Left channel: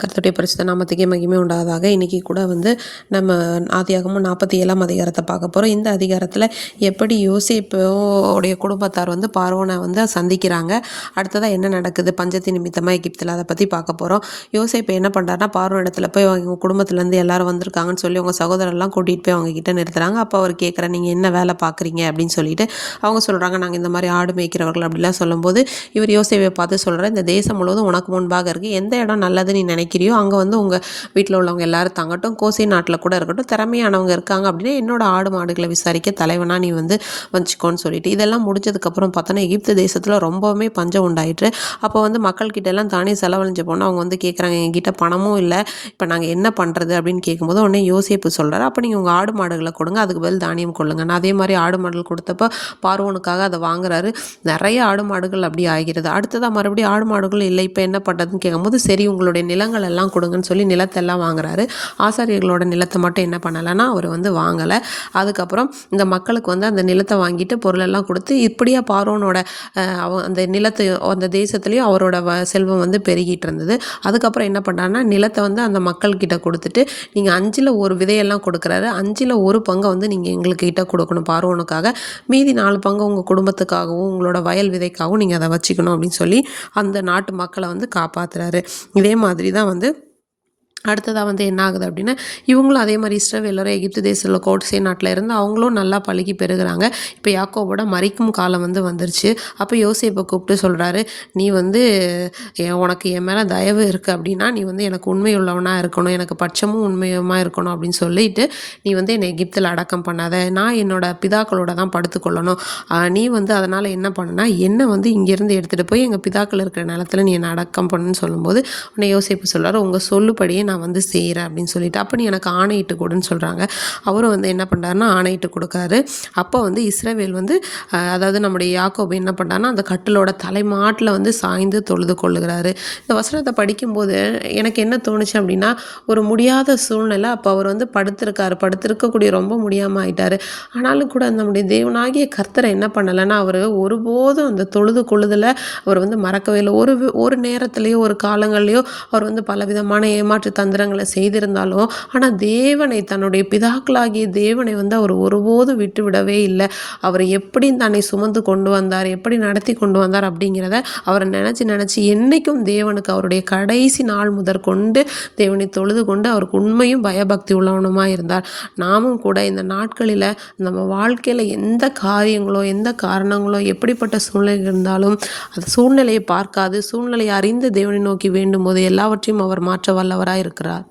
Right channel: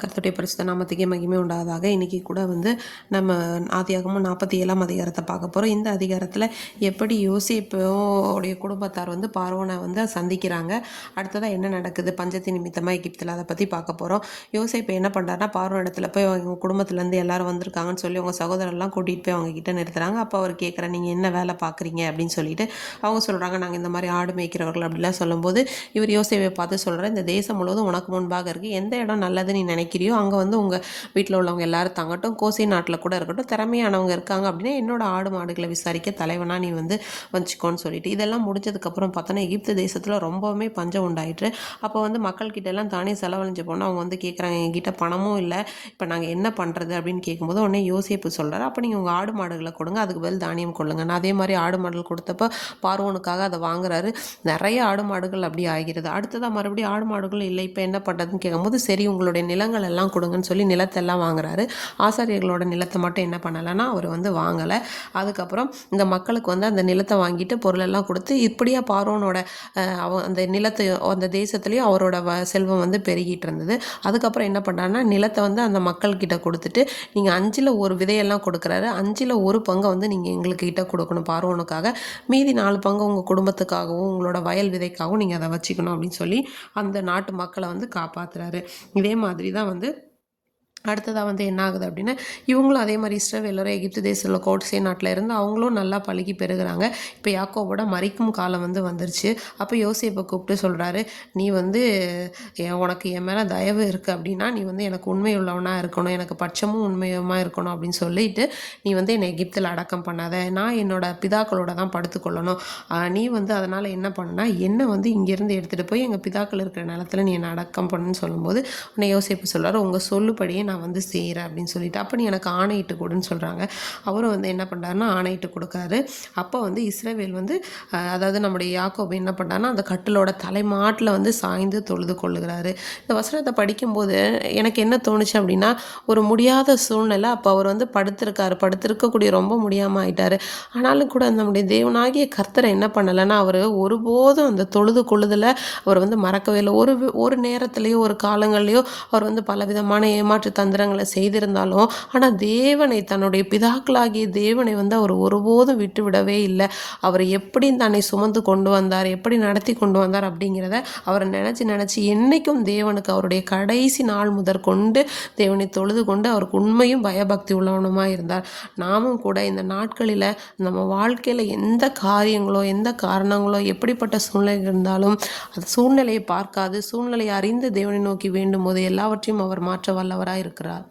கர்த்தருடைய பரிசுத்த நாமத்துக்கே மகிமை உண்டாவதாக. இன்றைக்கி கூட நம்ம ஆதியாகமம் 47ஆம் அதிகாரத்தை பார்க்க போகிறோம். இந்த அதிகாரத்தில் எப்படி யோசேப்புடைய குடும்பத்தார் பார்வோனை சந்திக்கிறாங்க, அடுத்ததாக என்ன நடக்குது பஞ்சத்தின் நிமித்தமாக எகிப்தில், அதை பற்றி பார்க்க போகிறோம். யோசேப்பு என்ன பண்ணுறாருனா, பார்வோன் இடத்துல போய் அவங்க குடும்பத்துலேருந்து எல்லாரும் வந்திருக்காங்கன்னு சொல்லி அவங்க சகோதரர்லாம் கூட்டிகிட்டு போய் அவங்க கிட்ட நிறுத்துறாங்க. அப்போ அவர் கேட்குறேன், நீங்கள் என்ன வேலை பார்க்குறீங்க அப்படின்னு சொல்லிட்டு அவங்க சொல்கிறாங்க, நாங்கள் இந்த மாதிரி ஆடு மேய்க்கிறவர்கள் அப்படிலாம் சொல்லும்போது இவர் யோசேப்பை பார்த்து சொல்கிறார், இந்த தேசம் முழுவதும் உனக்கு முன்பாக இருக்குது, எந்த இடம் நல்லது நீ நினைக்கிறியோ அங்கே உங்கள் வீட்டில் உள்ளவங்க எல்லாரும் தங்கட்டும், கோசை நாட்டில் கூட இருக்கட்டும், திறமையானவங்க இருக்காங்க அப்படின்னா என்னோட ஆடு மாடுகளை விசாரிக்க தலைவனாக நீ வச்சுக்கோன்னு சொல்லிட்டு, இதெல்லாம் முடிஞ்சதுக்கப்புறம் பார்த்தோன்னா எகிப்து தேசத்தில் ரொம்பவுமே பஞ்சம் உண்டாயிற்று. அப்போ மக்கள்கிட்ட எல்லாம் தானே செலவழிஞ்ச போனால் அவங்க கேட்குறாங்க, எங்கிட்ட பணமும் இல்லை, இப்போ நாங்கள் என்ன பண்ணுறது அப்படின்னு கேட்கும்போது உடனே யோசேப்பு சொல்கிறார், அப்போ நீங்கள் உங்கள் ஆடு மாடுகளை கொடுங்க, அதுக்கு பதில் தானியம் கொள்ளுங்க. நான் அதே மாதிரி ஆடு மாடுகள் கொடுத்தப்போ பார்வோனுக்காக அதை வாங்குறாரு. நிறைய ஆடு மாடுகள் அப்படி ஆகிறது. அடுத்ததாக மறுபடியும் ஆடு மாடுகள் இல்லை, இப்போ என்ன பண்ணுறதுன்னு கேட்கும்போது சரி உங்களுடைய நிலங்கள் எல்லாம் கொடுங்கன்னு சொல்லி நிலத்தெல்லாம் வாங்குறாரு. ஆசாரியர்களோட நிலத்தை மட்டும் என்ன பண்ணலைன்னா அவர் வாங்கலை. அதுக்கப்புறம் இந்த மக்களுக்கு அந்த நிலத்தை வாங்கிட்டு பொருளெல்லாம் கொடுத்து இப்படியா பார்வோனோட அந்த நிலத்தை அந்த தேசத்துலேயும் அவரோட செல்வம் பெருகிட்டு இருந்தது. அதுக்கப்புறம் என்ன பண்ணுறாருன்னா, நிலத்தை அந்த மக்கள்கிட்ட கொடுத்துட்டு நீங்கள் 5ல் 1 விதையெல்லாம் கொடுக்குறாரு. 5ல் 1 பங்கை நீங்கள் எங்கள்கிட்ட கொடுக்கணும் பார்வோனுக்காக, மீதி 4 பங்கு உங்கள் குடும்பத்துக்காகவும் உங்களோட வயல் விதைக்காகவும் நீங்கள் அதை வச்சுக்கணும் அப்படின்னு சொல்லி அந்த நாட்டு மக்களை காப்பாற்றுறாரு. இதே மாதிரி தான் அடுத்ததாக என்ன ஆகுது அப்படின்னா, இவங்களும் அதே மாதிரி இஸ்ரவேலரும் எகிப்து தேசத்தில் கோட்சை நாட்டில் இருந்து அவங்களும் நல்லா பழகி பெறுகிறாங்க. இப்போ யாக்கோபோட மரிக்கும் காலம் வந்துருச்சு. அப்போ யோசேப்பை கூப்பிட்டு சொல்கிறாரு, நீ உனக்கு என் மேலே தயவு இருக்குது அப்படின்னா நீ எனக்கு உண்மை உள்ளவனாக இருக்கணும், எனக்கு பட்சமும் உண்மையுமாக இருக்கணும் அப்படின்னு சொல்லிட்டு நீ என்னை எகிப்தில் அடக்கம் பண்ணாத, நான் என்னோட பிதாக்களோட தான் படுத்துக்கொள்ளணும், நீ அதனால் என்ன பண்ணனா என்னை இங்கேருந்து எடுத்துகிட்டு போய் எங்கள் பிதாக்கள் இருக்கிற நிலத்தில் நீ என்னை அடக்கம் பண்ணுன்னு சொல்லும்போது உன்னை யோசேப்பு சொல்கிறார், உங்கள் சொல்லுபடியே நான் செய்கிறேன் அப்படின்னு சொல்லிட்டு, அப்போ நீ எனக்கு ஆணையிட்டு கொடுன்னு சொல்கிறாங்க. அவரும் என்ன பண்ணுறாருன்னா ஆணையிட்டு கொடுக்குறாரு. அப்போ இஸ்ரவேல் அதாவது நம்முடைய யாக்கோபு என்ன பண்ணுறாருன்னா அந்த கட்டிலோட தலைமாட்டில் சாய்ந்து தொழுது கொள்ளுகிறாரு. இந்த வசனத்தை படிக்கும்போது எனக்கு என்ன தோணுச்சு அப்படின்னா, ஒரு முடியாத சூழ்நிலை. அப்போ அவர் படுத்திருக்கக்கூடிய ரொம்ப முடியாமல் ஆயிட்டார். ஆனாலும் கூட நம்முடைய தேவனாகிய கர்த்தரை என்ன பண்ணலைன்னா, அவர் ஒருபோதும் அந்த தொழுது கொள்ளுதலை அவர் மறக்கவே இல்லை. ஒரு நேரத்துலையோ ஒரு காலங்கள்லையோ அவர் பலவிதமான ஏமாற்று தந்திரங்களை செய்திருந்தாலும், ஆனால் தேவனை, தன்னுடைய பிதாக்களாகிய தேவனை அவர் ஒருபோதும் விட்டு விடவே இல்லை. அவரை எப்படி தன்னை சுமந்து கொண்டு வந்தார், எப்படி நடத்தி கொண்டு வந்தார் அப்படிங்கிறத அவர் நினச்சி என்றைக்கும் தேவனுக்கு அவருடைய கடைசி நாள் முதற்கொண்டு தேவனை தொழுது கொண்டு அவருக்கு உண்மையும் பயபக்தி உள்ளவனுமாக இருந்தார். நாமும் கூட இந்த நாட்களில் நம்ம வாழ்க்கையில் எந்த காரியங்களோ எந்த காரணங்களோ எப்படிப்பட்ட சூழ்நிலை இருந்தாலும் அது சூழ்நிலையை பார்க்காது, சூழ்நிலையை அறிந்து தேவனை நோக்கி வேண்டும் போது எல்லாவற்றையும் அவர் மாற்ற வல்லவராக இருக்கிறார்.